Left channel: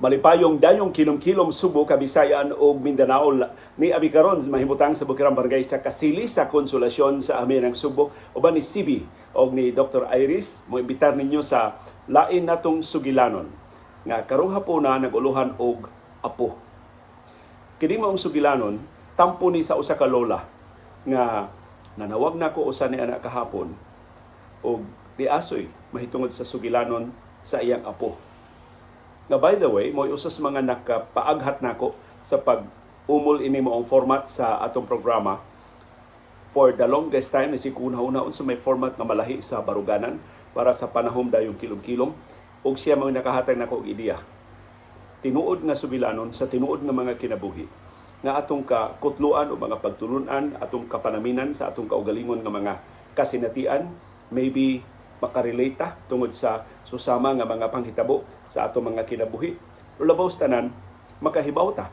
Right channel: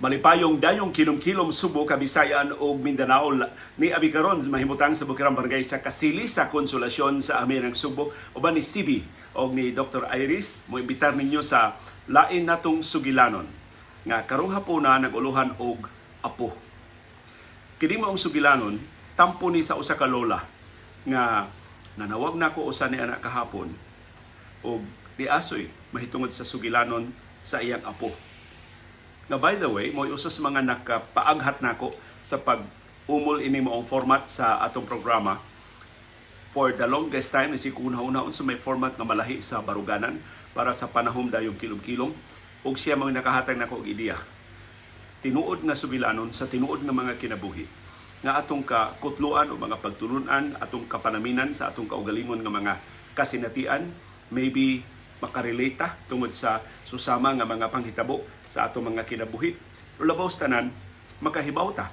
Malipayong dayong kilom-kilom Subo, Kabisayan ug Mindanao ni abi karon mahimutang sa Bukirang Barangay sa Kasili sa Konsolasyon sa amin ng Subo uban ni CB og ni Dr. Iris mo imbitar ninyo sa lain natong sugilanon nga karong hapuna naguluhan og apo. Kini maong sugilanon tampo ni sa usa ka lola nga nanawag nako usa ni anak kahapon og diasoy mahitungod sa sugilanon sa iyang apo. Na by the way, mo usas mga nakapaaghat nako sa pag-umol ini moong format sa atong programa. For the longest time, si kuna-una sa may format nga malahi sa baruganan para sa panahom dayong kilom-kilom. Og siya mga nakahatag nako og ideya. Tinuod nga sugilanon sa tinuod nga mga kinabuhi. Nga atong kakutluan o mga pagtulunan, atong kapanaminan sa atong kaugalingon nga mga kasinatian, maybe makarelate ta tungod sa susama nga mga panghitabo sa atong mga kinabuhi. O labaw tanan, makahibaw ta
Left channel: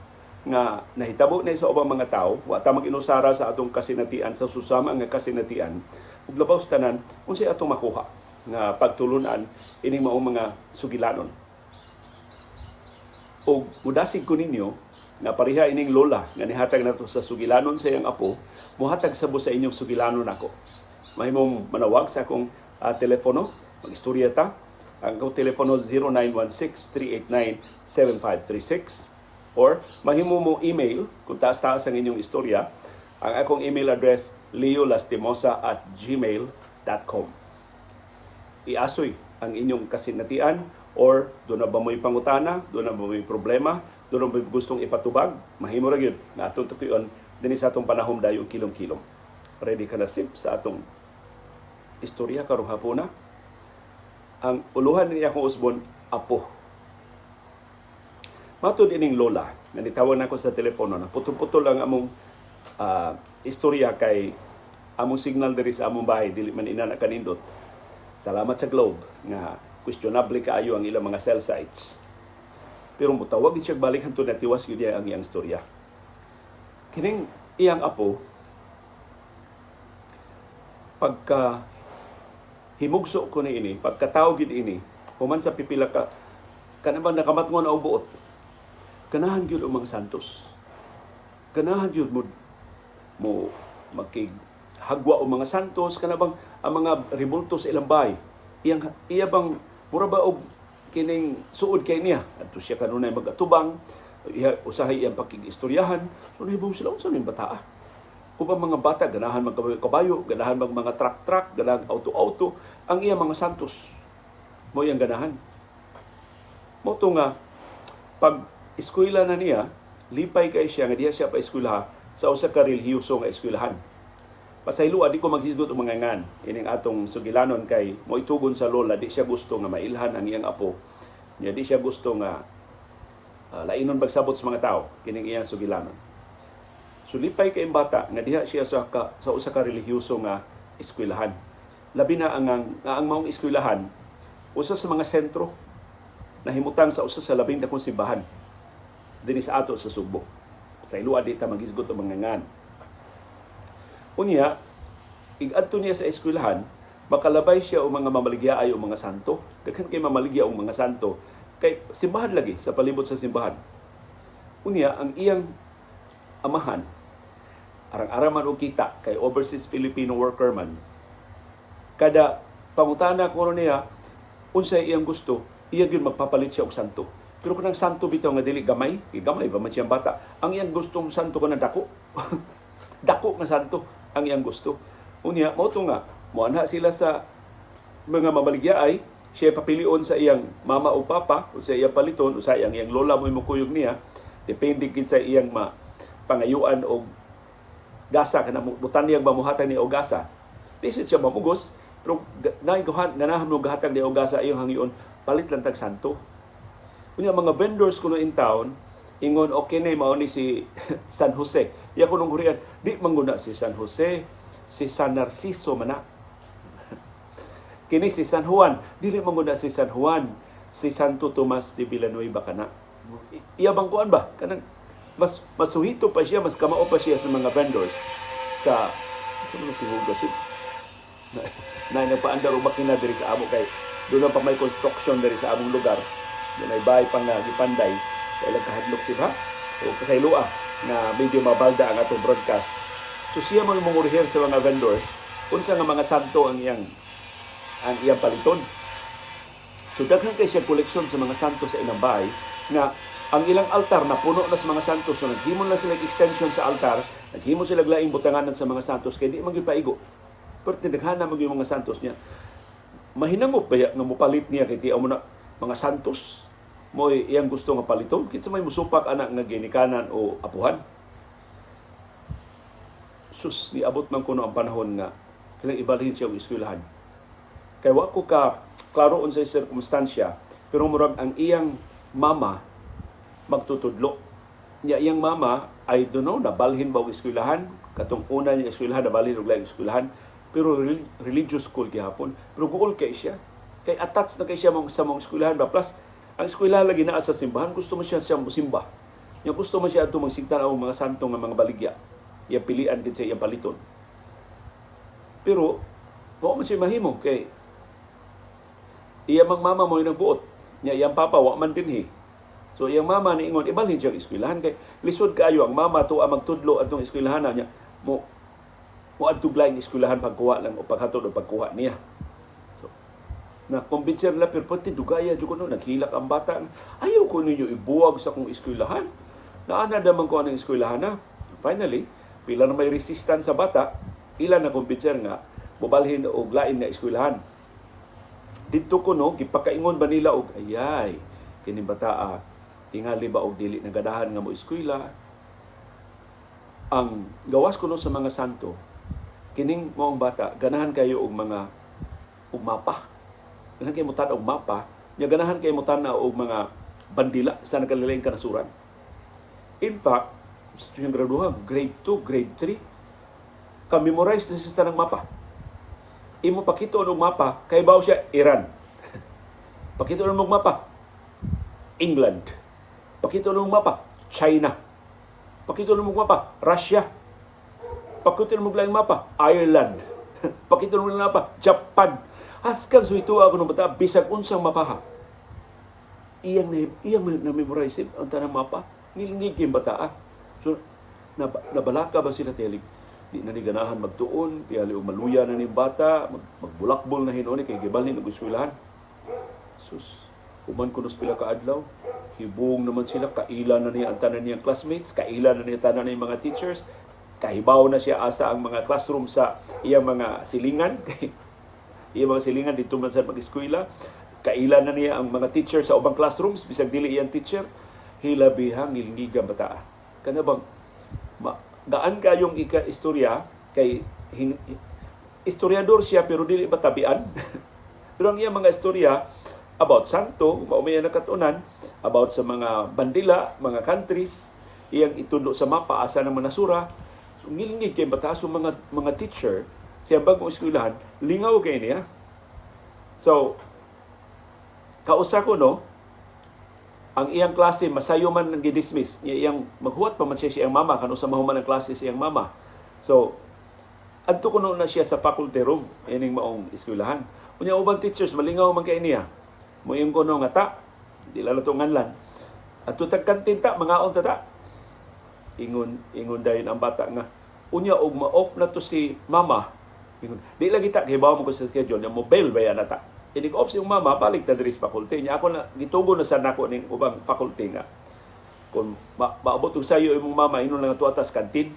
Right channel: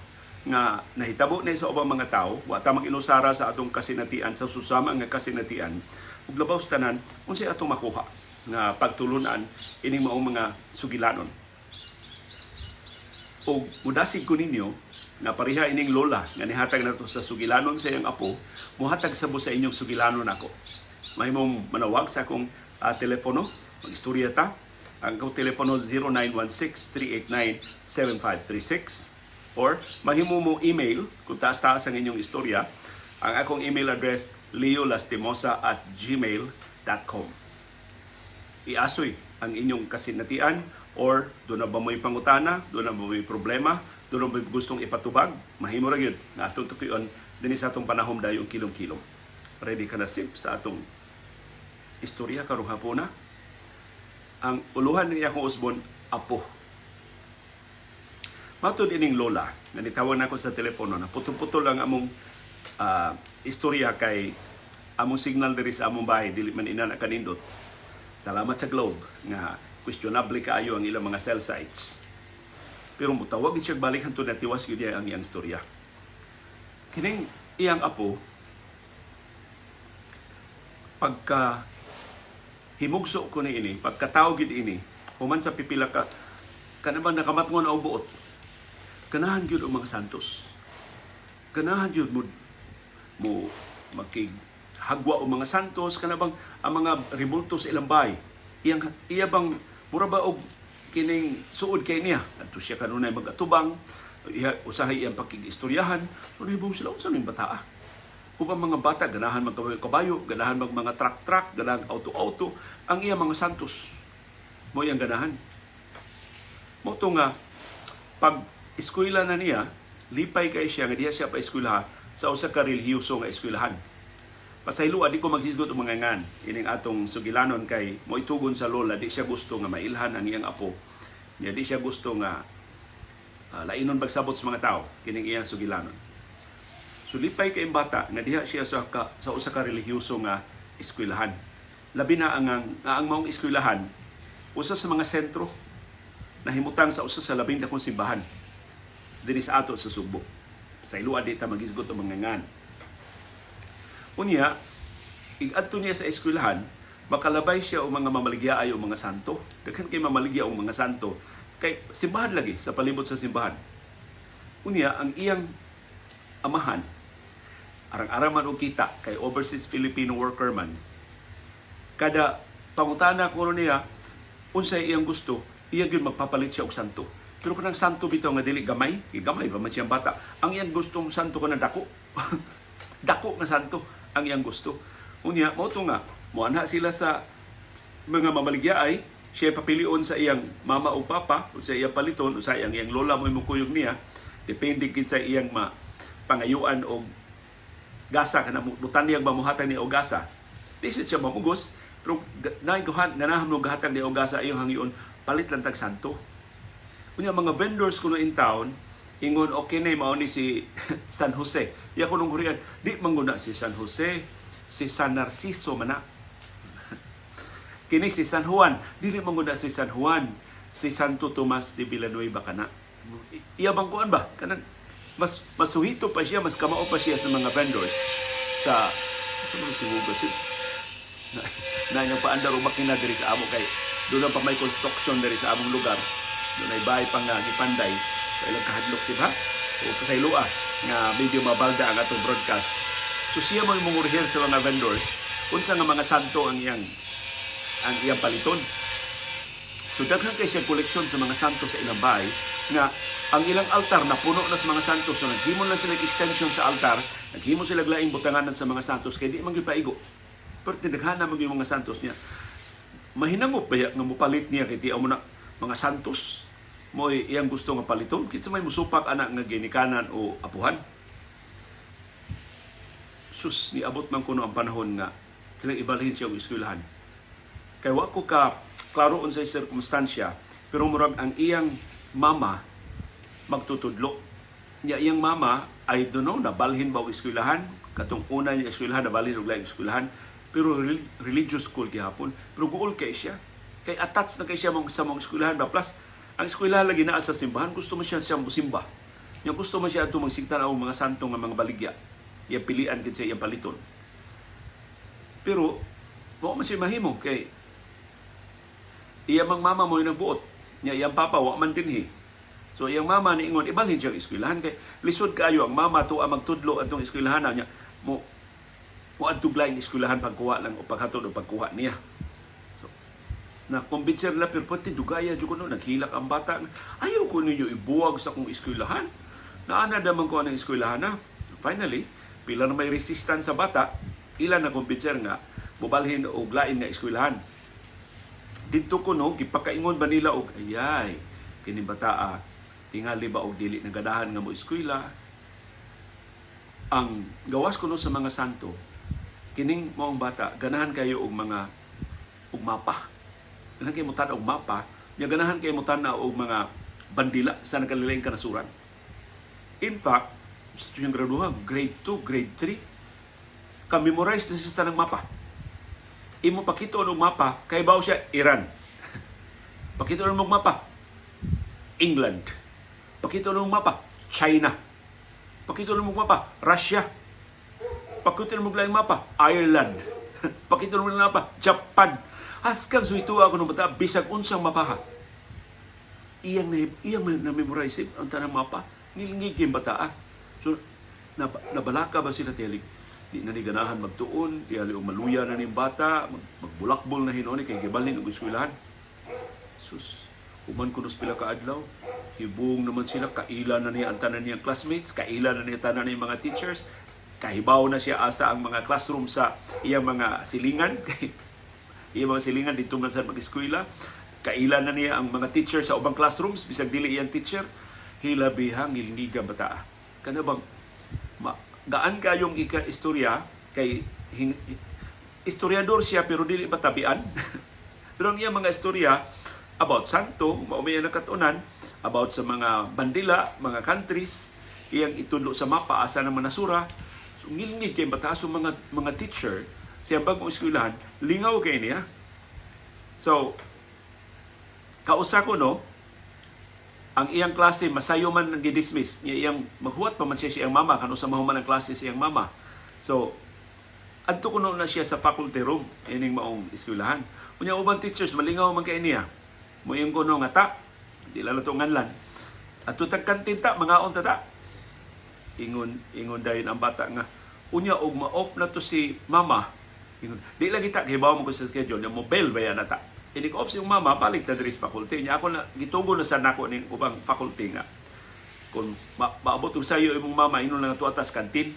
nga nahitabo na sa ubang mga tao, wa ta mag-inusara sa atong kasinatian, sa susama nga kasinatian, ug labaw tanan, unsay atong makuha nga pagtulunan ining maong mga sugilanon. O mudasig ko ninyo na pareha ining lola nga nihatag nato sa sugilanon sa iyang apo, muhatag sabo sa inyong sugilanon ako. Mahimong manawag sa akong telepono, mag-istorya ta. Ang akong telepono 0916-389-7536 or mahimo mo email kung taas-taas ang inyong istorya. Ang akong email address leolastimosa@gmail.com. Iasoy ang inyong kasinatian or doon na ba mo'y pangutana, doon na ba mo'y problema, doon na ba gustong ipatubag, mahimo ra gyud na atong tukion dinhi sa atong panahom dayong kilom-kilom. Ready ka na sip sa atong istorya karong hapuna? Ang uluhan niya akong usbon, apo. Matod ining lola, na nitawag na ako sa telepono, na putol-putol ang among istorya kay among signal diri sa among bahay, dili man ina na kanindot. Salamat sa Globe, nga questionable kaayo ang ilang mga cell sites. Pero mutawag siya balik hanto na tiwas yun ang iyang istorya. Kining iyang apo, pagka himugso ko ni ini, pagkatawag gid ini, human sa pipila ka, kanabang nakamatngon o buot, ganahan yun ang mga santos. Ganahan yun mo makighagwa o mga santos, kanabang ang mga ribulto sa ilang bahay. Iya bang, mura ba og kining suod kay niya? Ato siya kanunay mag-atubang, usahay iyang pakig-istoryahan, so nahibong sila, saan yung bataa? Upang mga bata, ganahan magkabayo, ganahan mga truck-truck, ganahan auto-auto, ang iya mga santos. Mo iyang ganahan. Mo ito nga, pag eskwela na niya, lipay kay siya, nga diya siya pa eskwelaha, sa usa ka relihiyoso nga eskwelahan. Pasaylo, di ko maghisgot o mga ngan, ining atong sugilanon kay mo itugon sa lola, di siya gusto nga mailhan ang iyang apo. Di siya gusto nga lainon bagsabot sa mga tao, kining iyang sugilanon. Sulipay kay bata nga diha siya sa usa ka relihiyoso nga eskwelahan. Labi na ang maong eskwelahan usa sa mga sentro nahimutang sa usa sa labing dakong simbahan dinhi sa ato sa Subo. Sa ilua di ta magisgot og mga ngan. Unya, ig-adto niya sa eskwelahan, makalabay siya og mga mamaligyaay o mga santo. Daghan kay mamaligya og mga santo kay simbahan lagi sa palibot sa simbahan. Unya, ang iyang amahan arang-araman og kita kay overseas Filipino worker man. Kada pangutana ko niya unsay iyang gusto, iya gyud magpapalit siya og santo. Pero kanang santo bitaw nga dili gamay pa man siyang bata. Ang iyang gustong santo kanang dako. Dako nga santo ang iyang gusto. Unya mao to nga moanha sila sa mga mamaligyaay, siya papilion sa iyang mama o papa, o sa iyang paliton, o sa iyang lola mo imukuyog niya, depende gid sa iyang pangayuan o gasa kana butanyag mamuhatag ni og gasa. Disit siya mamugos, pero ganahan mo gahatag ni og gasa iyong hangion palit lang tag santo. Unya mga vendors kuno in town ingon okay na mao ni si San Jose. Iya kunong Korean, di mangguna si San Jose, si San Narciso man na. Kini si San Juan, dili mangguna si San Juan, si Santo Tomas de Villanueva kana. Iya bang kuan ba? Kanang mas masuhito pa siya, mas kamao pa siya sa mga vendors sa mga tinugas na nagpaandar o makina diri sa amo kay doon pa may construction diri sa among lugar. Yan ay bahay pang gipanday sa ilang kahadlok siya o kasaylua nga medyo mabalda ang atong broadcast. So siya mo imong rehearse sa mga vendors unsa nga mga santo ang iyang paliton. So daghan kay siya koleksyon sa mga santo sa ilang bahay nga ang ilang altar na puno na sa mga santos. So naghimo na sila extension sa altar, naghimo sila laing butanganan sa mga santos kay di man gyud paigo. Pero tindaghana man yung mga santos niya. Mahinangop ba nga mopalit niya kay tiaw mo na mga santos mo iyang gusto nga paliton kinsa may musupak anak nga ginikanan o apuhan. Sus, niabot man kuno ang panahon nga kailang ibalhin siya og eskwelahan. Kay wa ko ka klaro unsay sirkumstansya, pero murag ang iyang mama magtutudlo. Niya iyang mama ay dunno nabalhin ba og eskwelahan, katong una niya eskwelahan nabalhin og laing eskwelahan, pero religious school gihapon. Pero guol kay siya. Kay attached na kay siya sa mong eskwelahan ba, plus ang eskwelahan lagi naa sa simbahan, gusto mo siya musimba. Niya gusto mo siya ato magsigtan og mga santo nga mga baligya. Iya pilian din sa iyang paliton. Pero wa man siya mahimo kay iya mang mama mo yung nagbuot. Niya iyang papa wa man dinhi. So iyang mama niingon ibalhin siya eskwelahan kay lisod kaayo ang mama tuwa magtudlo adtong eskwelahan niya mo adtong laing eskwelahan pagkuha lang o paghatod o pagkuha niya. So na kumbinser na pero pati dugaya jud kuno naghilak ang bata. Ayaw ko ninyo ibuwag sa kong eskwelahan. Naana daman ko ang eskwelahan na. Finally, pila na may resistance sa bata, ilan na kumbinser nga mobalhin og lain nga eskwelahan. Dito ko no gipakaingon ba nila og ayay kini bataa tingali ba og dili nagadahan nga mo eskwela. Ang gawas kuno sa mga santo kining moong bata ganahan kayo og mga og mapa. Ganahan kayo mo tan-og mapa, nya ganahan kayo mo tan-aw og mga bandila sa nagkalaing kanasuran. In fact, sa yung graduhan, grade 2, grade 3, ka-memorize na siya ng mapa. Imo pakito ng mapa, kay baw siya Iran. Pakito ng mapa, England. Pakito ng mapa, China. Pakito ng mapa, Russia. Pakito ng mapa, Ireland. Pakito ng mapa, Japan. Haskan suito ako ng bata, bisag unsang mapaha. Iyang na-memorize ang tanang mapa. Nilingig yung bata. So, nabalaka ba sila telig? Di na ni ganahan magtuon, tiyali o maluya na ni bata, magbulakbol na hinoni, kay gibalhin ng eskwelahan. Sus, uman kunos pila ka adlaw, hibong naman sila, kaila na niya ang tanan niyang classmates, kaila na niya tanan niyang mga teachers, kahibaw na siya asa ang mga classroom sa iyang mga silingan, iyang mga silingan dito man sa mag-eskwela, kaila na niya ang mga teacher sa ubang classrooms, bisag dili iyang teacher, hilabihang ilingigang bata. Kana bang gaan kayong istorya kay historiador siya pero dili batabian. Pero ang iyang mga istorya about santo, maumay nakatunan, about sa mga bandila, mga countries, iyang itudlo sa mapa asa ng manasura. So ngilingig kay bata so mga teacher siya bagong eskwelahan, lingaw kay niya. So kausa ko no, ang iyang klase masayo man nang gidismiss niya, iyang maghuwat pa man siya siyang mama kano sa mahuman ang klase siyang mama. So adto kuno na siya sa faculty room ining maong eskwelahan. Unya ubang teachers malingaw man kay niya. Moyong kuno nga ta, di lalo to nganlan. Adto tag kantin ta mangaon ta. Ingon dayon ang bata nga unya og ma-off na to si mama. Ingon di lagi ta gibaw mo ko sa schedule nya mobile ba yan nata. Inig-off siyang mama, balik na diri sa faculty niya. Ako na, gitugo na sa nako ng ubang faculty nga. Kung maabot ko sa iyo imong mama, inon lang ito atas kantin.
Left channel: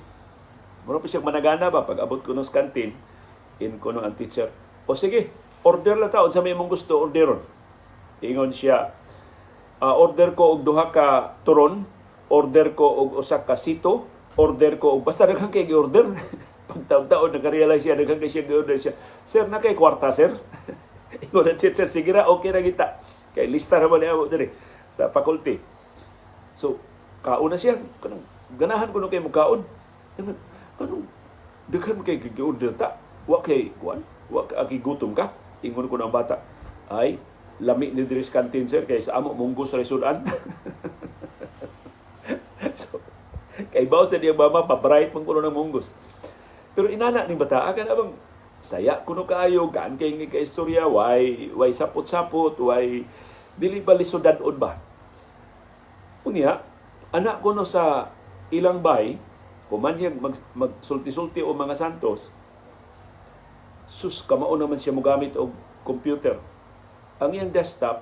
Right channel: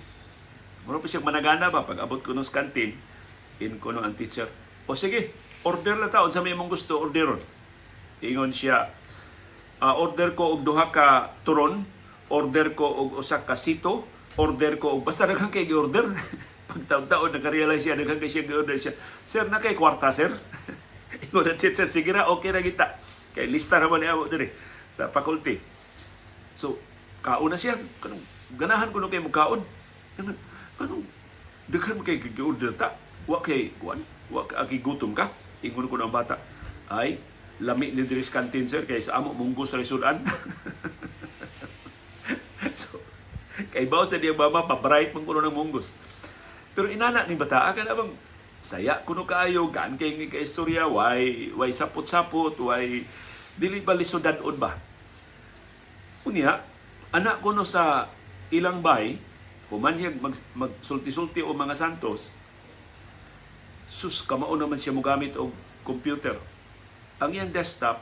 Mura pa siyang managana ba? Pag abot ko ng kantin, ko ang teacher, o sige, order lang taon sa may mong gusto, orderon. Ingon siya, order ko og duha ka turon, order ko og usa ka sito, order ko og basta daghang kay gi-order. Pag taon-taon, nakarealize siya, daghang kay siya gi-order siya. Sir, na kay kwarta, sir? Ingon na teacher, sige ra, okay na kita. Kaya lista naman niya mo diri sa faculty. So, kaon na siya. Ganahan ko na kayo magkaon. Anong, daghan mo kayo gi-order ta? Wa kay, wa kay gutom ka? Ingon ko ng bata, ay, lami ni diri sa kantin, sir, kaya sa amo, munggos resulan. So, kay bawa sa niyang mama, pabright man kuno ng munggos. Pero inana ni bata, akan abang, saya kuno kaayo gaan kay nga istorya why sapot-sapot why Dili ba lisodad-od ba? Unya, anak ko no sa ilang bay, human siya magsulti-sulti o mga santos, sus, kamao naman siya mogamit og computer. Ang iyang desktop,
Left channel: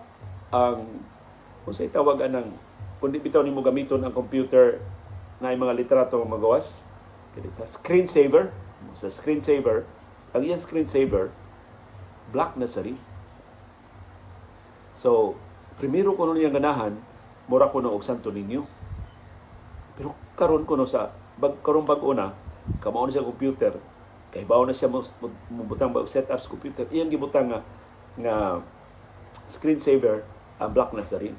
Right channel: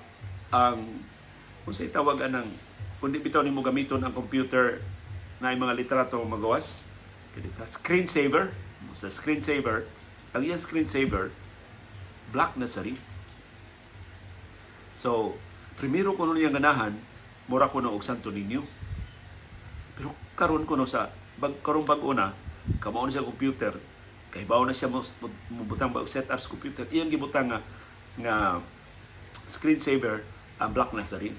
kung sa'y tawag anang, kung di bitaw ni mo gamiton ang computer na mga litrato magawas, screensaver, sa screensaver, ang iyang screensaver, black na sari. So, primero ko nun yung ganahan, mura ko na og Santo Niño. Pero karon ko no sa karong bag-o na, kamao na siya computer, kay bawo na siya mubutang ba og setup sa computer, iyang gibutang nga screensaver ang black na sa rin.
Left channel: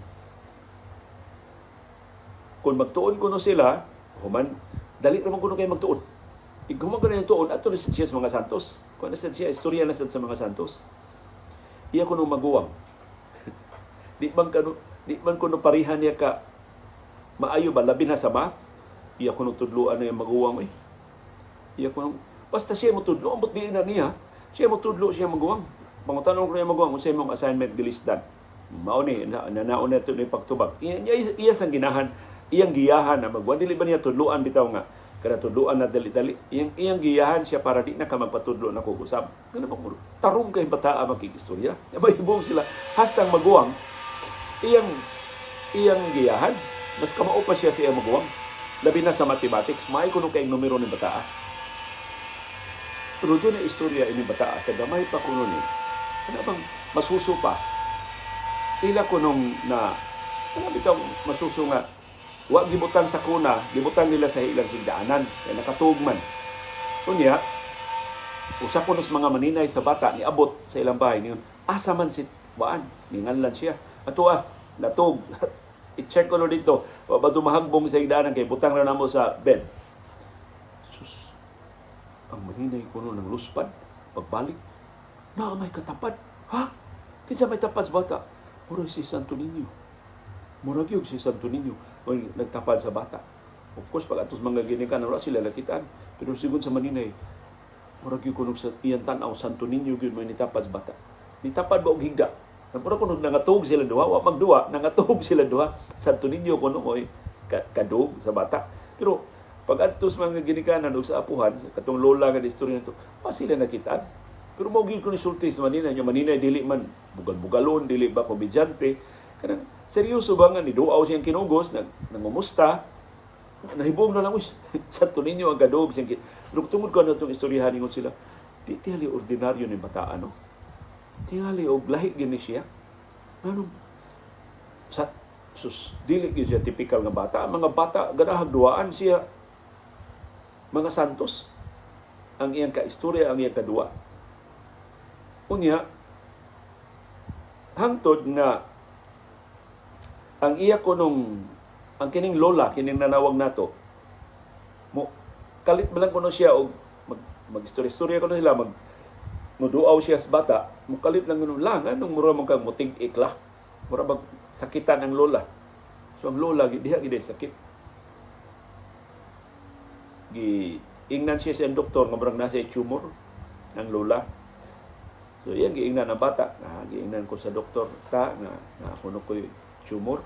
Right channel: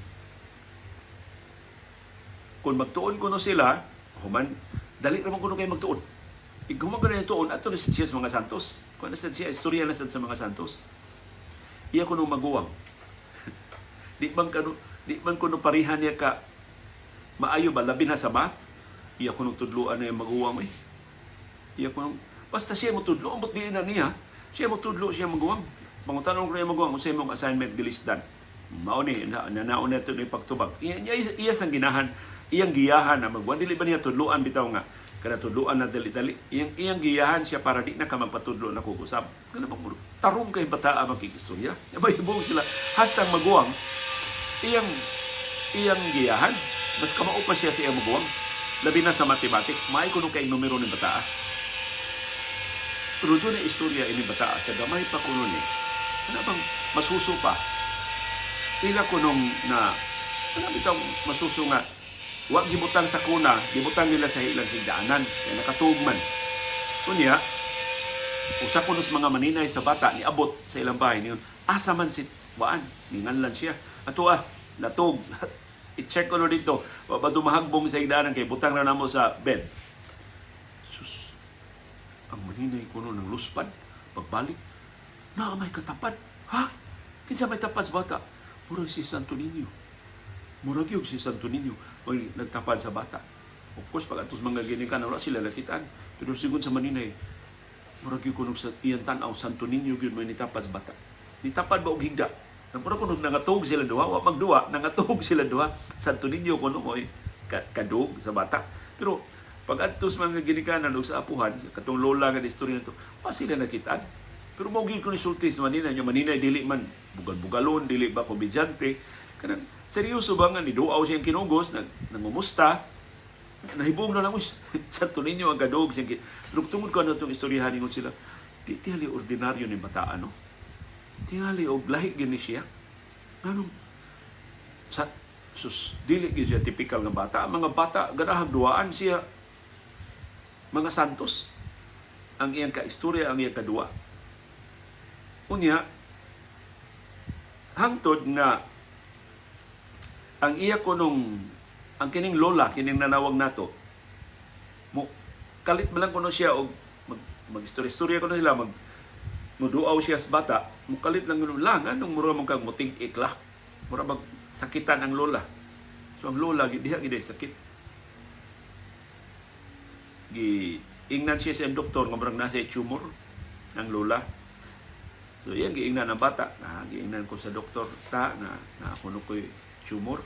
Kung magtuon ko no sila, human dali ra man kuno kay magtuon. Ighuman ko na yung tuon ato na siya sa mga santos. Kung na siya istorya na sa mga santos. Iya kuno maguwang. di man kuno parihan niya ka maayo ba labi na sa math. Iya kuno tudloan na yung maguwang eh. Iya kuno basta siya mo tudlo, ambot di na niya. Siya mo tudlo, siya maguwang. Pangutanong ko na yung maguwang kung sa imong assignment gilisdan. Mao ni nanaon na ito na yung pagtubag. Iya sang ginahan, iyang giyahan na magwan. Dili ba niya tudloan bitaw nga? Kada tudloan na dali-dali. Iyang giyahan siya para di na ka magpatudlo na kukusab. Kaya naman, tarong kay bataa magkikistorya. Mahibong sila. Hastang maguwang, iyang giyahan. Mas kamao pa siya sa iyang maguwang. Labi na sa mathematics, may kuno kay numero ni bataa. Pero doon na istorya ini bataa. Sa gamay pa kuno ni. Ano bang masuso pa? Pila kunong na, ano bitaw masuso nga, wa gibutang sa kuna, gibutang nila sa ilang higdaanan, kaya nakatugman. Unya, usa ko nos mga maninay sa bata, niabot sa ilang bahay, niyon, asa man si Waan, ninganlan siya. Ato natug, i-check ko no dito, wa ba dumahagbong sa higdaanan, kay butang na namo sa bed. Sus, ang maninay ko no ng luspad, pagbalik, na may katapad. Ha? Kinsa may tapad sa bata? Murag si Santo Niño. Murag yung si Santo Niño. May nagtapad sa bata. Of course, pag atos mga ginikan, wala sila nakitaan. Pero siguro sa Maninay, murag yung kunong sa iyan tanaw, Santo Niño yun may nitapad sa bata. Nitapad ba og higda? Murag kunong nangatog sila duha, wa magduwa, nangatog sila duha. Santo Niño kunong mo kadug sa bata. Pero pag atos mga ginikanan o sa apuhan, katong lola nga istorya nito, wala sila nakitaan. Pero maugi ko ni sulti sa Maninay. Yung Maninay, dili man bugal-bugalon, dili ba komedyante. Kanang seryoso ba nga, niduaw siyang kinugos, nangumusta, nahibong na lang, Santo Niño ang kadog. Pero tungod ko na itong istoryahan ningon sila, di tihali ordinaryo ni bata, ano? Tingali o lahig gini siya. Anong, dili gini siya typical nga bata. Mga bata, ganahag duwaan siya, mga santos. Ang iyang kaistorya, ang iyang kadua. Unya, hangtod nga ang iya ko ang kining lola, kining nanawag nato, kalit ba lang ko siya o mag-istorya ko na sila, muduaw siya sa bata, kalit lang yun lang, anong mura mong kang muting ikla, mura mag sakitan ang lola. So ang lola, diha gida sakit. Ingnan siya sa doktor, nga marang nasa tumor, ang lola. So yan, giingnan ang bata. Giingnan ko sa doktor nga ako ko'y tumor.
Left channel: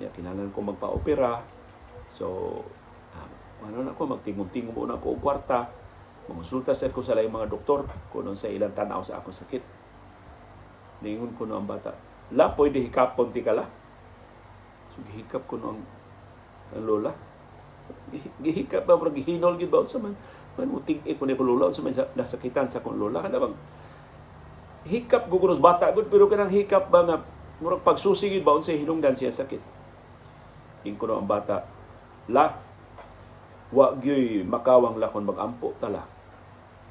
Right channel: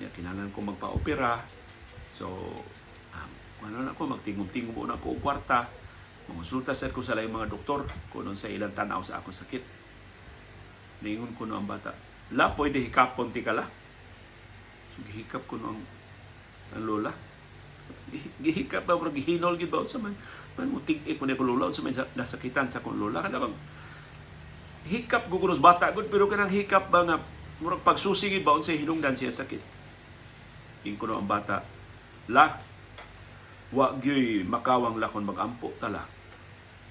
Kinalan ko magpa-opera. So, magtingom-tingom muna ko ang kwarta. Mamusulta sa ko sa laing mga doktor kung sa ilang tanaw sa akong sakit. Ningon ko ang bata, pwede hikapon ti kala. So, gihikap ko ang lola. Gihikap ba, gihinol, gibaw sa man muting ko na ko lola, sa may nasakitan sa kong lola. Kada bang hikap gugunos bata gud, pero kanang hikap ba nga murag pagsusigid ba unsay hinungdan siya sakit. Ingko ang bata, wa gyoy makawang lakon magampo tala.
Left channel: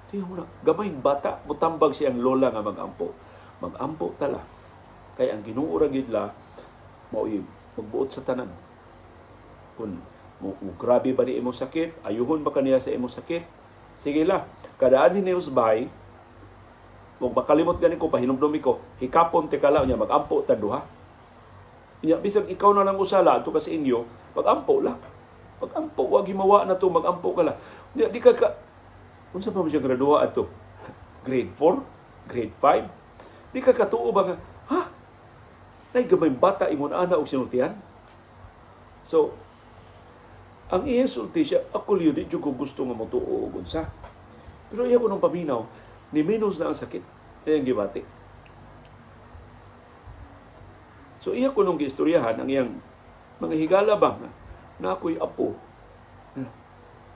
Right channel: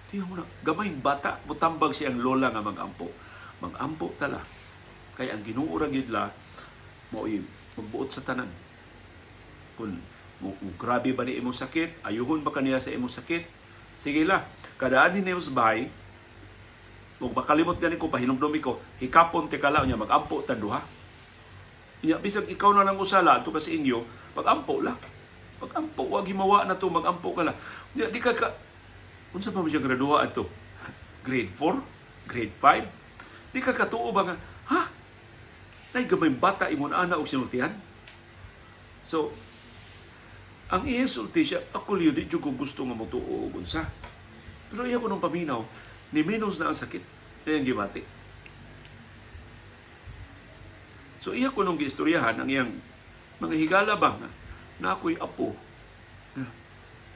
Tiyo mo na, gamay bata, mutambag siya ang lola nga magampo. Magampo tala. Kaya ang Ginoo ra gid la mao magbuot sa tanan. Kung grabe ba ni imong sakit, ayuhon ba kaniya sa imong sakit? Sige la, kadaan hinimo sa bahay, kung makalimot ganin ko, pahinumdumi ko, hikapon te kala niya, mag-ampo ta duha. Bisag ikaw na lang usala, ato kasi inyo, mag-ampo lang. Mag-ampo, wag himawa na to, mag-ampo ka lang. Di ka, kung saan pa mo siya graduha ato? Grade 4? Grade 5? Di ka katuo ba nga, Nay gamay bata imong ana og sinultihan. So, ang isulti siya, ako liyo di jud ko gusto nga motuo og unsa. Pero iya ko nung paminaw, ni minus na ang sakit. Kaya ang gibati. So iya ko nung giistoryahan ang iyang mga higala ba na ako'y apo.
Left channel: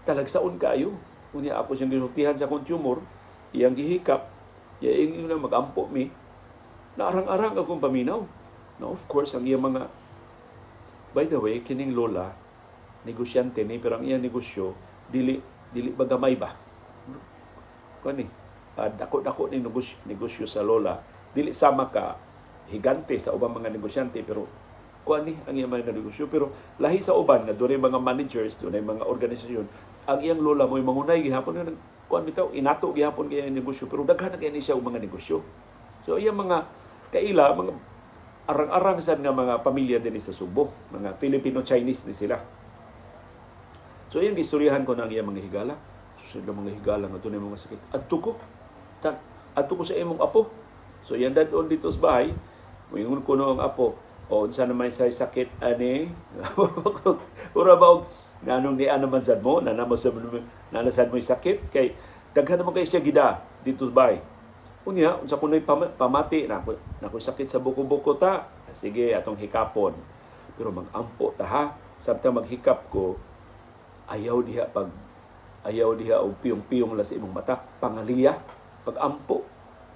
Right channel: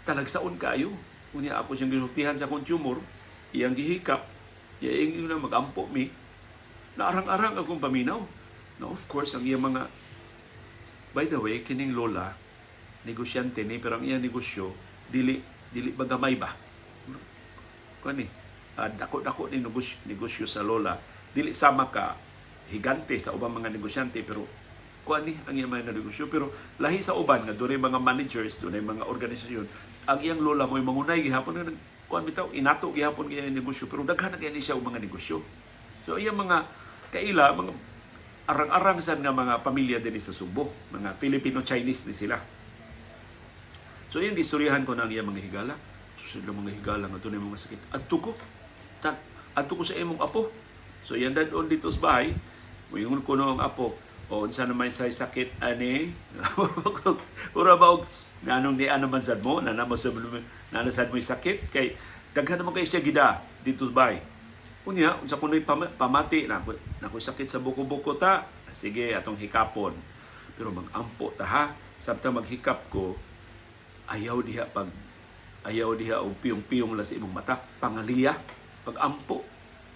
Talagsaon kaayo. Kunya ako siyang ginultihan sa kong tumor, iyang gihikap, iyang na mag-ampo mi, naarang-arang akong paminaw. Now, of course, ang iyang mga, by the way, kining lola, negosyante ni, pero ang iyang negosyo, dili bagamay ba? Kani, dako-dako ni negosyo sa lola, dili sama ka higante sa ubang mga negosyante, pero kuani ang iyang mga negosyo. Pero lahi sa uban, na doon mga managers, doon mga organisasyon, ang iyang lola mo'y mangunay gihapon nga kuan bitaw inato gihapon kay negosyo, pero daghan na kay siya og mga negosyo. So iyang mga kaila, mga arang-arang sad nga mga pamilya din sa Subo, mga Filipino-Chinese ni sila. So iyang gistoryahan ko na ang iyang mga higala. So sila mga higala nga tunay mga sakit. Adto ko sa imong apo. So yan dadon dito sa bahay, moingon ko no ang apo, o unsa naman say sakit ani? Ura ba og nanong ni ano man sad mo, nanasad mo sakit kay daghan naman kay siya gida dito sa bahay. Unya, unsa kunay pamati na ako sakit sa buko-buko ta. Sige, atong hikapon. Pero mag-ampo ta ha. Sabta maghikap ko, ayaw diha og piyong-piyong la sa imong mata. Pangaliya, pag-ampo,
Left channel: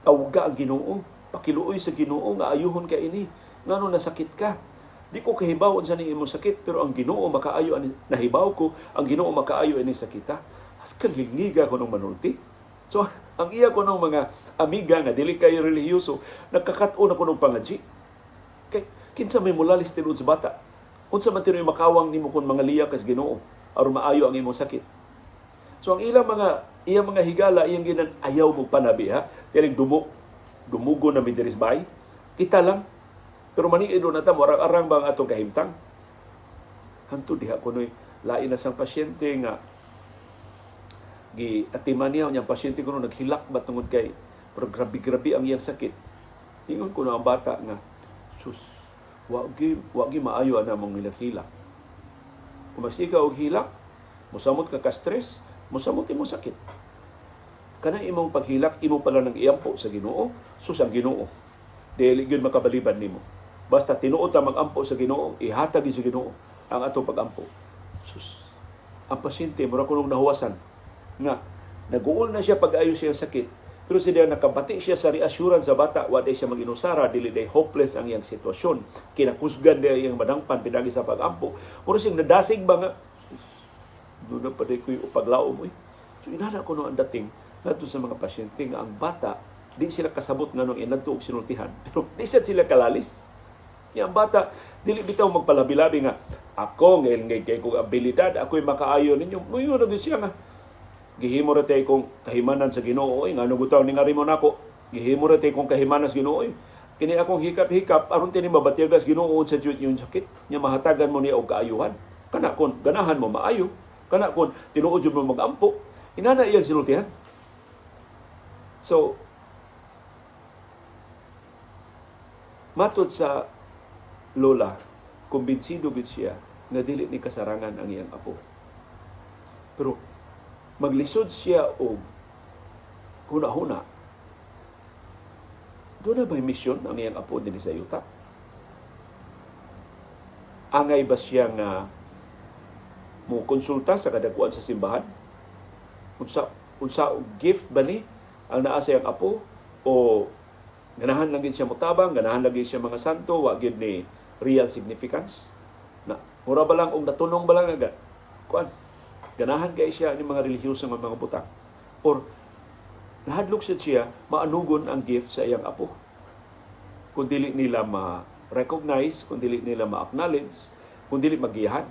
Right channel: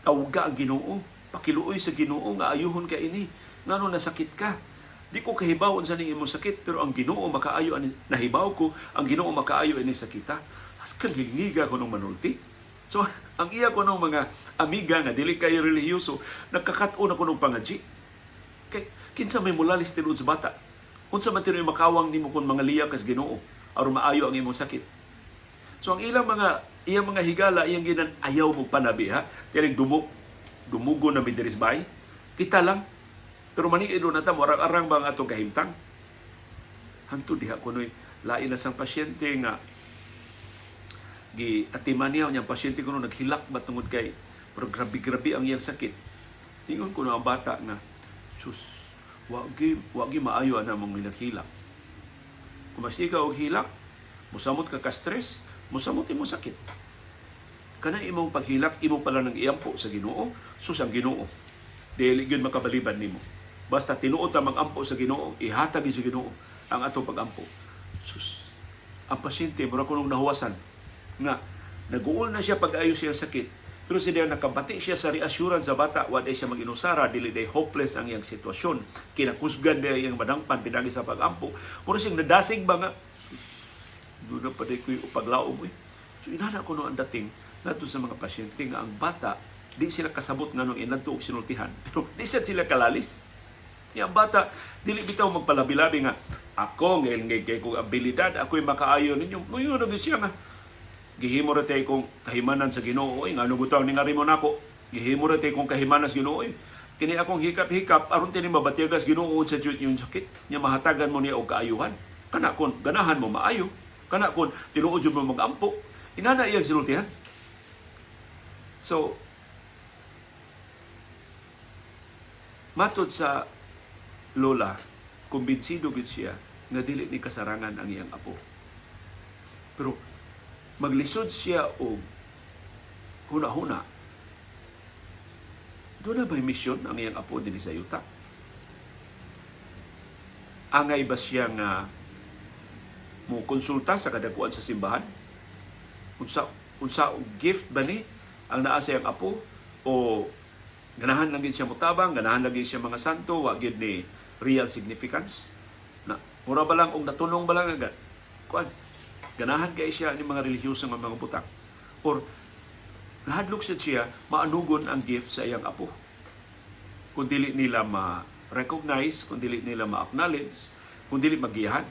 tawga ang Ginoo. Pakiluoy sa Ginoo nga ayuhon ka ini. Ngano nasakit ka? Di ko kahibaw sa ning imong sakit, pero ang Ginoo makaayo ani nahibaw ko, ang Ginoo makaayo ini sakita. As kalingiga ko nung manulti. So, ang iya ko ng mga amiga nga dili kay relihiyoso, nagkakat-on ako ng pangadji. Kay kinsa may mulalis tinud sa bata. Unsa man tinuy makawang nimo kon mga liya kas Ginoo aron maayo ang imong sakit. So ang iyang mga higala iyang ginan ayaw mo panabi ha. Tinig dumugo na midris bay. Kita lang. Pero maniido na ta mo arang bang atong kahimtang. Hantud diha kunoy lain na sang pasyente nga atiman niya ang pasyente ko naghilak ba tungod kay pero grabe ang iyang sakit. Ingon ko na ang bata nga, sus, wagi maayo ana mong hilak. Kung masika og hilak, musamot ka ka-stress, musamot imo sakit. Kanang imong paghilak, imo pala nang iampo sa Ginoo, sus ang Ginoo. Dili gyud makabaliban nimo. Basta tinuod ta mag-ampo sa Ginoo, ihatag sa Ginoo ang atong pag-ampo. Sus, ang pasyente mura kunong nahuwasan nga nag-uol na siya pag-ayo siya sakit, pero siya nakabati siya sa reassurance sa bata, wala siya mag-inusara, dili day hopeless ang iyang sitwasyon, kinakusgan niya iyang madangpan pinagi sa pag-ampo, pero siyang nadasig ba nga doon na pa day ko yung paglaom. So inana ko no ang dating nato sa mga pasyente nga ang bata di sila kasabot nga nung inadto og sinultihan, pero di sila kalalis. Yang bata dili bitaw magpalabi-labi nga ako ngayon kay kong abilidad, ako'y makaayo ninyo. Moyo na siya nga gihimo ra tay kong kahimanan sa Ginoo. Ngano butaw ni ngari mo nako? Gihimo ra tay kong kahimanan sa Ginoo. Kini akong hikap-hikap aron tini mabatiyagas Ginoo sa jud yung sakit. Nya mahatagan mo niya og kaayuhan. Kana kon ganahan mo maayo. Kana kon tinuod jud mo magampo. Inana iyang sinultihan. So matod sa lola, kumbinsido gid siya nga dili ni kasarangan ang iyang apo. Pero maglisod siya og huna-huna. Doon na ba'y misyon ang iyang apo din sa yuta? Angay ba siya nga mo konsulta sa kadakuan sa simbahan? Unsa og gift ba ni ang naa sa iyang apo? O ganahan lang siya mutabang, ganahan lang siya mga santo, wa gyud ni real significance? Na mura ba lang og natulong ba lang agad? Kuan ganahan kay siya ni mga relihiyosong mga butang, or nahadlok siya maanugon ang gift sa iyang apo. Kung dili nila ma-recognize, kung dili nila ma-acknowledge, kung dili magiyahan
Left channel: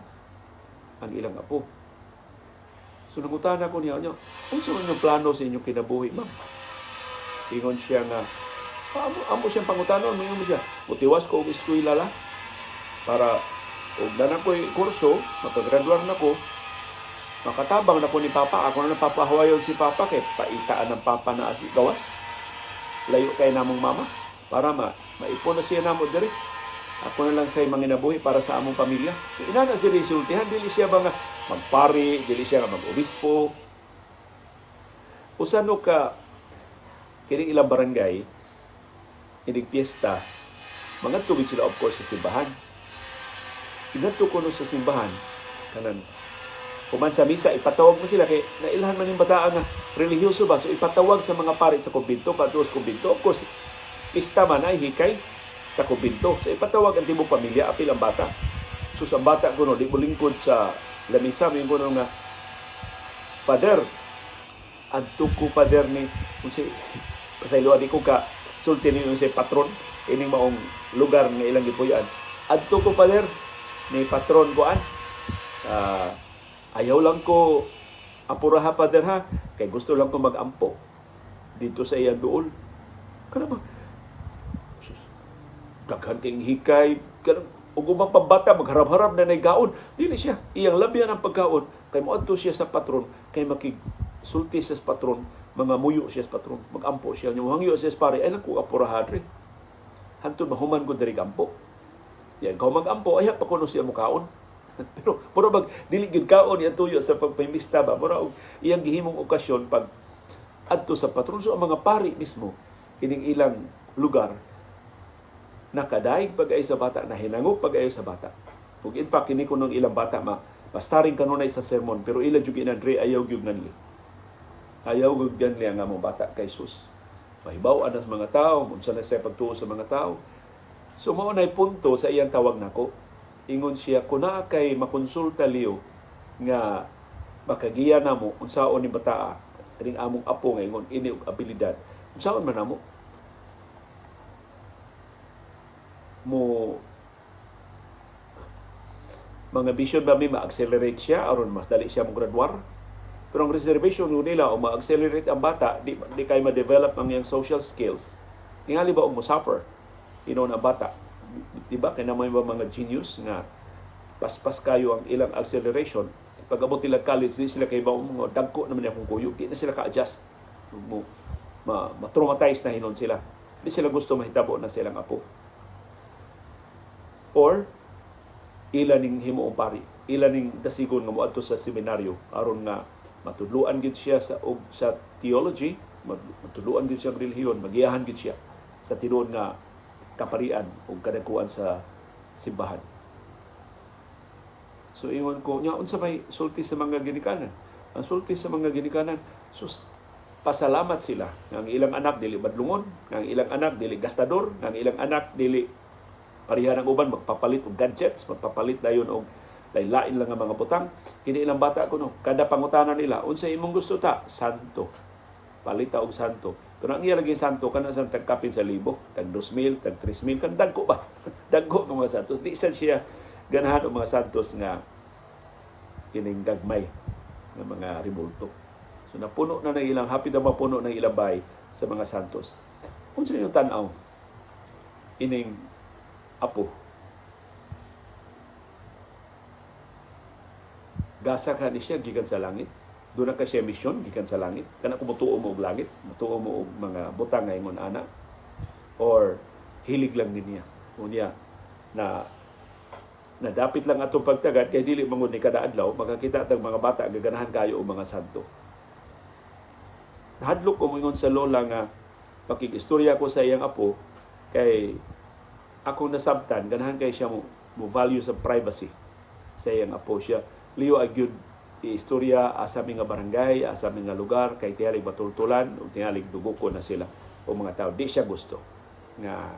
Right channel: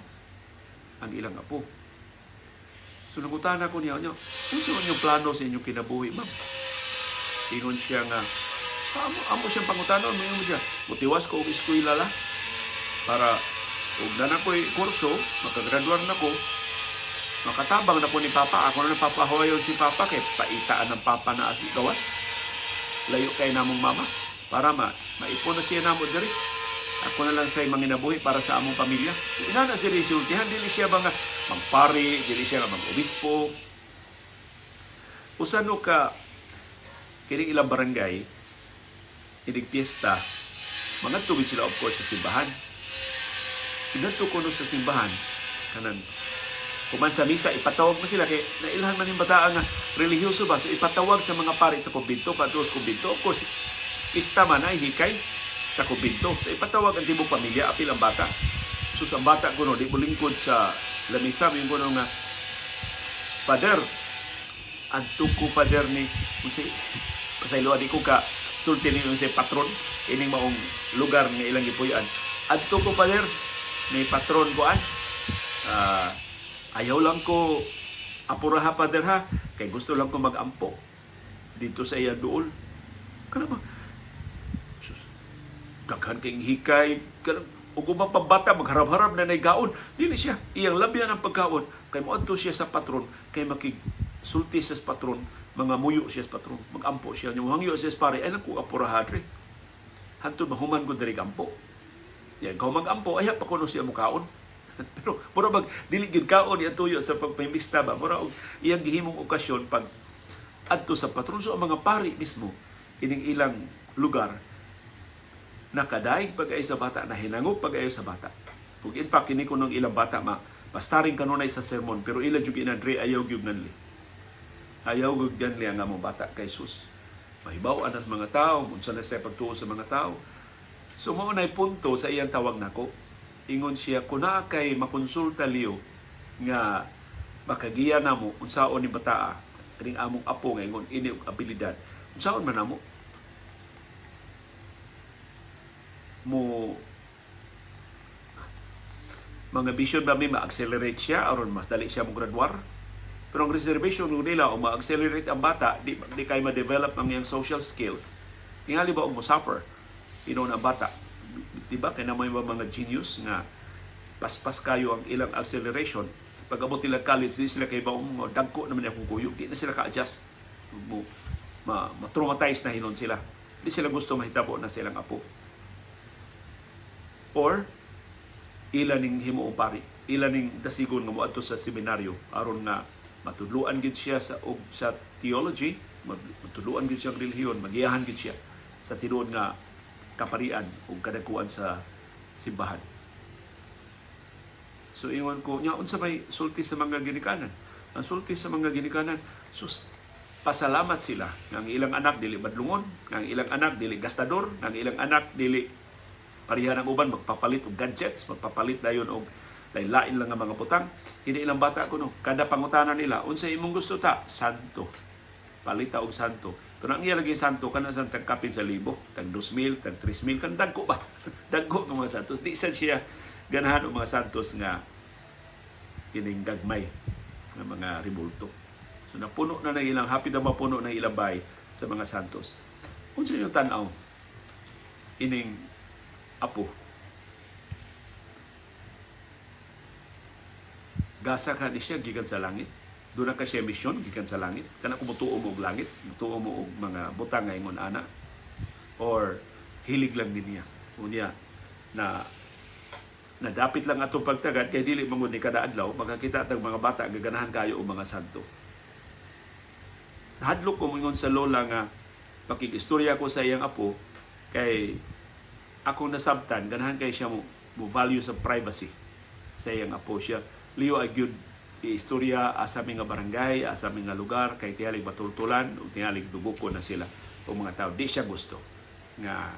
ang ilang apo. So nangutana ko niya, unsa man yung plano sa inyong kinabuhi, ma'am? Ingon siya nga, amo siyang pangutanon, mo siya, mutiwas ko og eskwela la para og danan ko'y kurso, makagraduar na ko, makatabang na po ni Papa. Ako na napapahawayon si Papa kay paitaan ng Papa na gawas. Layo kay namong mama para maipon na siya namo diri. Ako na lang sa'y manginabuhi para sa among pamilya. Inana siya resultihan, dili siya ba nga magpari, dili siya nga mag-obispo. Usano ka, kining ilang barangay, inig piyesta, mga tubig sila of course sa simbahan. Inadto ko no sa simbahan, kanan, kuman sa misa, ipatawag mo sila, kay nailhan man yung bataan nga religyoso ba, so ipatawag sa mga pari sa kumbinto, patuos kumbinto, of course, pista man ay hikay sa kumbinto. So ipatawag ang tibong pamilya, apil ang bata. So sa bata ko no, di mo lingkod sa lamisa, yung ko nga, Father, adto ko Father ni, kung si, pasaylo, di ko ka, sulti ni yung si patron, ining maong lugar nga ilang ipuyan. Adto ko Father, ni patron ko ayaw lang ko apuraha Father ha, kay gusto lang ko mag-ampo dito sa iyang duol. Kana ba? Daghan kayong hikay, ug ubang pambata magharap-harap na naygaon. Dili siya iyang labian ang pagkaon kay moadto siya sa patron, kay makigsulti siya sa patron, mga muyo siya sa patron, magampo siya. Yung hangyo siya sa pare, ay lang ko apuraha dre. Hantod mahuman ko diri gampo. Yan, kung mag-ampo, ay pa kuno siya mukaon. Pero mura bag dili gid kaon iya tuyo sa pagpamista ba, mura og iyang gihimong okasyon pag adto sa patron. So ang mga pari mismo ining ilang lugar nakadaig pag-ay sa bata, nahinangop pag-ay sa bata. Ug in fact kini kunong ilang bata mastaring kanunay sa sermon, pero ila jud inadre ayaw gyud nanli. Ayaw gyud ganli ang among bata kay Jesus. Mahibaw-an sa mga tao, unsa na sa pagtuo sa mga tao. So mao nay punto sa iyang tawag nako. Ingon siya, kuna kay makonsulta liyo nga makagiya namo unsaon ni bataa ring among apo nga ingon ini og abilidad. Unsaon man namo? Mo mga vision ba mi ma-accelerate siya aron mas dali siya mo graduar. Pero ang reservation nila o ma-accelerate ang bata, di kay ma-develop ang iyang social skills. Tingali ba og mo suffer inon ang bata? Diba kay na may mga genius nga paspas kayo ang ilang acceleration, pag abot nila college di sila kay mga dagko naman akong kuyo, di na sila ka-adjust, ma-traumatize na hinon sila, di sila gusto mahitabo na silang apo, or ilan ning himuong pari, ilan ning dasigon nga moadto sa seminaryo aron nga matudluan gid siya sa theology, matudluan gid siya sa relihiyon, magiyahan gid siya sa tinuod nga kaparian o kadagkuan sa simbahan. So ingon ko, nya unsa may sulti sa mga ginikanan? Ang sulti sa mga ginikanan, sus, pasalamat sila nga ang ilang anak dili badlungon, nga ang ilang anak dili gastador, nga ang ilang anak dili pareha ng uban magpapalit og gadgets, magpapalit dayon og lain-lain lang nga mga butang. Kini ilang bata kuno, kada pangutanan nila, unsa imong gusto ta? Santo. Palita og santo. Pero ang iya lagi santo, kana sa tagkapin sa libo, tag 2,000, tag 3,000, kan dagko ba? Dagko ng mga santos. Di siya ganahan o mga santos nga kining gagmay ng mga rebulto. So napuno na ng ilang, hapit na mapuno ng ilang bay sa mga santos. Kung sino yung tanaw, ining apo. Gasa ka ni siya, gikan sa langit. Doon na ka siya misyon, gikan sa langit. Kana kung mutuo mo og langit, mutuo mo og mga butang nga ingon ana, or hilig lang din niya. Unya na nadapit lang atong pagtagad kay dili mangud ni kada adlaw makakita tag mga bata gaganahan kayo og mga santo. Nahadlok ko mingon sa lola nga pakig-istorya ko sa iyang apo kay akong nasabtan ganahan kay siya mo value sa privacy sa iyang apo siya. Liyo ay gyud istorya asa mi nga barangay, asa mi nga lugar kay tiyalig matultulan o tiyalig dugukon na sila o mga tao. Di siya gusto nga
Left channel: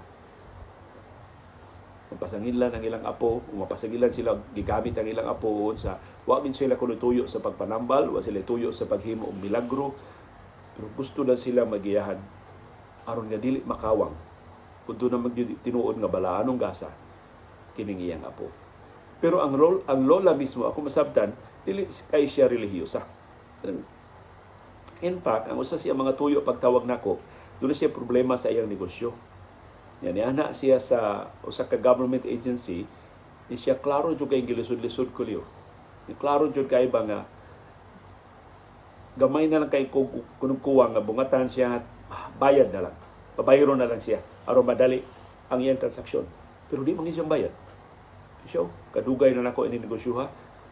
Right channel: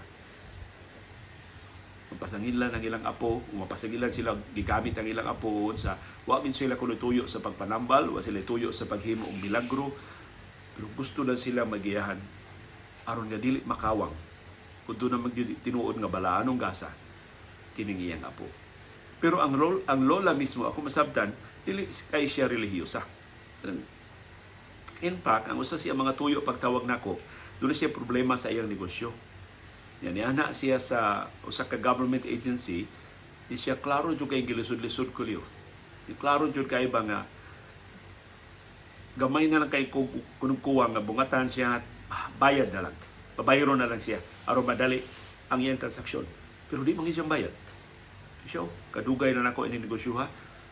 mapasangilan ang ilang apo, mapasangilan sila gigamit ang ilang apo sa wa min sila kuno tuyo sa pagpanambal, wa sila tuyo sa paghimo og milagro, pero gusto lang sila magiyahan aron nga dili makawang kun do na tinuod nga balaanong gasa kining iyang apo. Pero ang lola mismo ako masabtan dili kay siya relihiyosa. In fact, ang usa siya mga tuyo pagtawag nako, doon siya problema sa iyang negosyo. Yan, ana siya sa usa ka government agency, di siya klaro jud kay gilisod-lisod ko liyo. Klaro jud kay ba nga gamay na lang kay kunugkuwang nga bungatan siya, bayad na lang. Pabayron na lang siya aron madali ang iyang transaksyon. Pero di mangyud siyang bayad. Siya, kadugay na nako ini negosyo ha.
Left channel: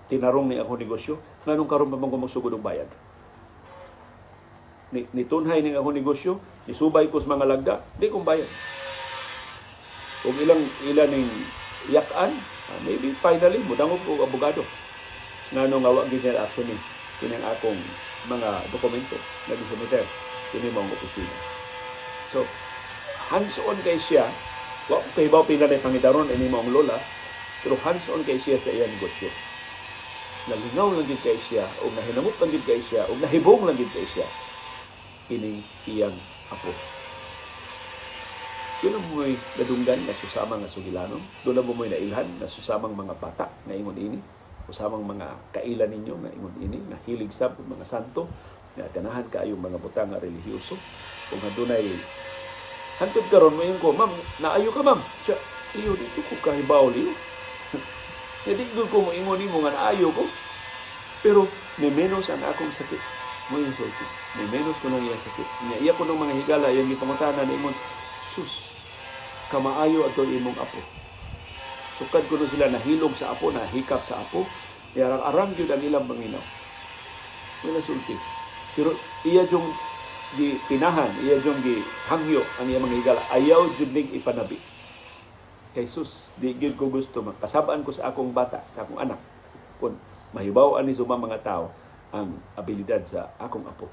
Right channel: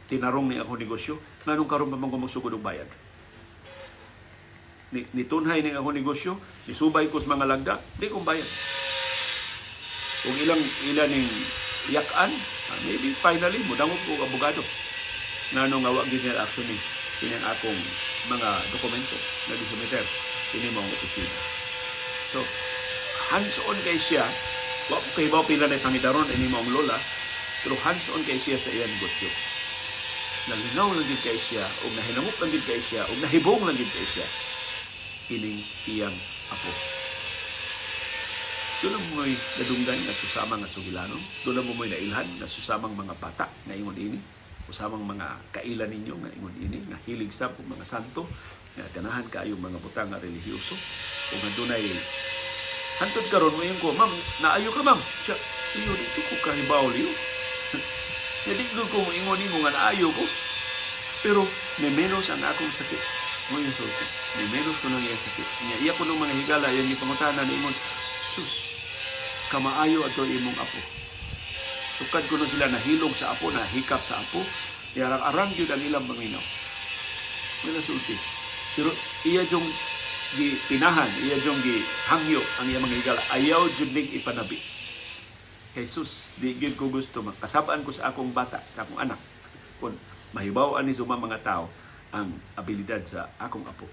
Tinarong ni ako negosyo, nganong karon pa man ko magsugod og bayad. Nitunhay ni ako negosyo, nisubay ko sa mga lagda, di kong bayad. Kung ilang ning yakan, maybe finally mudangog ko abogado. Nganong nga wa gyud niya action ni kining akong mga dokumento na gisumiter kini mong opisina. So, hands-on kay siya, wa ko kay pila na pangidaron ini mong lola, pero hands-on kay siya sa iyang negosyo. Nalingaw lang gid kay siya, o nahinamot lang gid kay siya, o nahibong lang gid kay siya kining iyang apo. Doon mo mo'y nadunggan na susama nga sugilanon. Doon mo mo'y nailhan na susamang mga bata na ingon ini. Usamang mga kailan ninyo na ingon ini. Na hilig sab mga santo. Na ganahan kaayong mga butang nga relihiyoso. Kung adunay hantod karon mo yung ko, ma'am, naayo ka ma'am. Siya, iyo, dito ko kahibaw liyo. Hindi ko mo ingon mo nga naayo ko. Pero may menos ang akong sakit. Mo yung sulti. May menos ko nang iyang sakit. Iya ko ng mga higala, yan yung pangutanan na ingon, sus, kamaayo ato imong apo. Tukad ko na sila nahilong sa apo, nahikap sa apo, arang-arang yun ang ilang paminaw. Wala sulti. Pero iya yung tinahan, iya yung hangyo ang iya mga higala. Ayaw yun ning ipanabi. Kay sus, di yun ko gusto, kasabaan ko sa akong bata, sa akong anak. Kung mahibawaan ni suma mga tao, ang abilidad sa akong apo.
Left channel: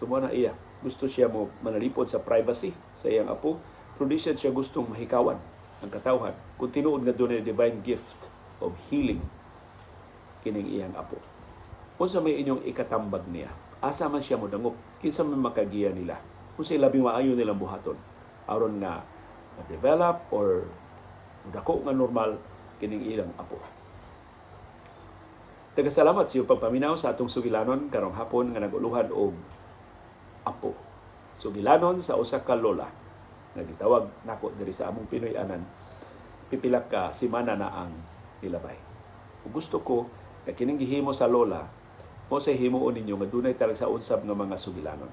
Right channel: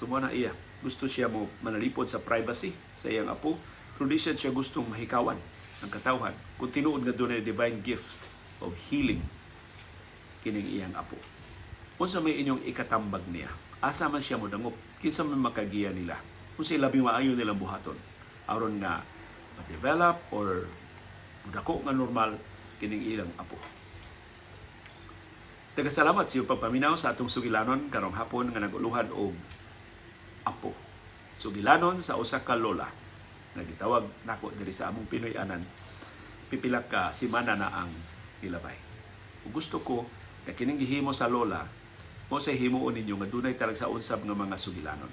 Sumuna iya. Gusto siya mo manalipod sa privacy sa iyang apo. Pero di siya gustong mahikawan ang katawhan. Kung tinuod nga doon divine gift of healing kining iyang apo. Unsa may inyong ikatambag niya? Asa man siya mo dangop? Kinsa man makagiya nila? Kung sa labing maayo nilang buhaton. Aron nga ma-develop or dako nga normal kining ilang apo. Nagkasalamat sa iyong pagpaminaw sa atong sugilanon karong hapon nga naguluhan og apo. Sugilanon sa usa ka lola nga gitawag nako diri sa among Pinoy anan pipila ka semana na ang nilabay. Ug gusto ko nga kining gihimo sa lola mo sa himuon ninyo nga dunay talag sa unsab nga mga sugilanon.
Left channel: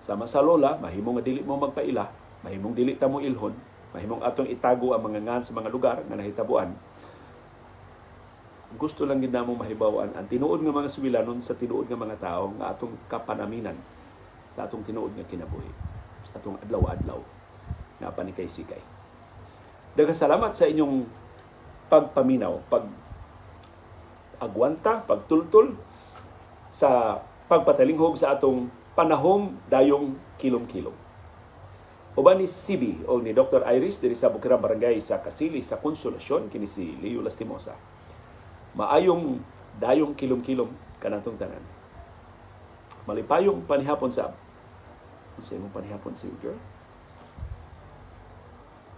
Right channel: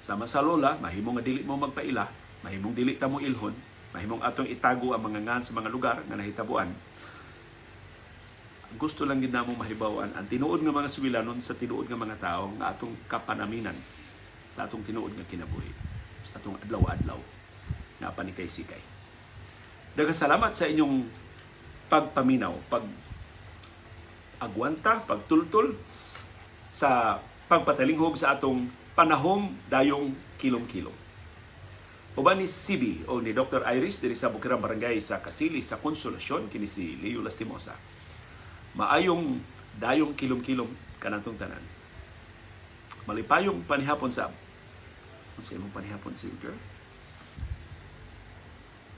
Sama sa lola, mahimo nga dili mo magpaila, mahimong dili ta mo ilhon, mahimong atong itago ang mga ngan sa mga lugar nga nahitabuan. Gusto lang gid namong mahibaw-an ang tinuod nga mga sugilanon sa tinuod nga mga tao nga atong kapanaminan sa atong tinuod nga kinabuhi, sa atong adlaw-adlaw nga panikay-sikay. Daghang salamat sa inyong pagpaminaw, pag-agwanta, pagtultol sa pagpatalinghog sa atong panahong dayong kilom-kilom. Uban ni CB o ni Dr. Iris diri sa Bukirang Barangay sa Kasili sa Konsolasyon kini si Leo Lastimosa. Maayong dayong kilom-kilom kanatong tanan. Malipayong panihapon sa imong panihapon si girl.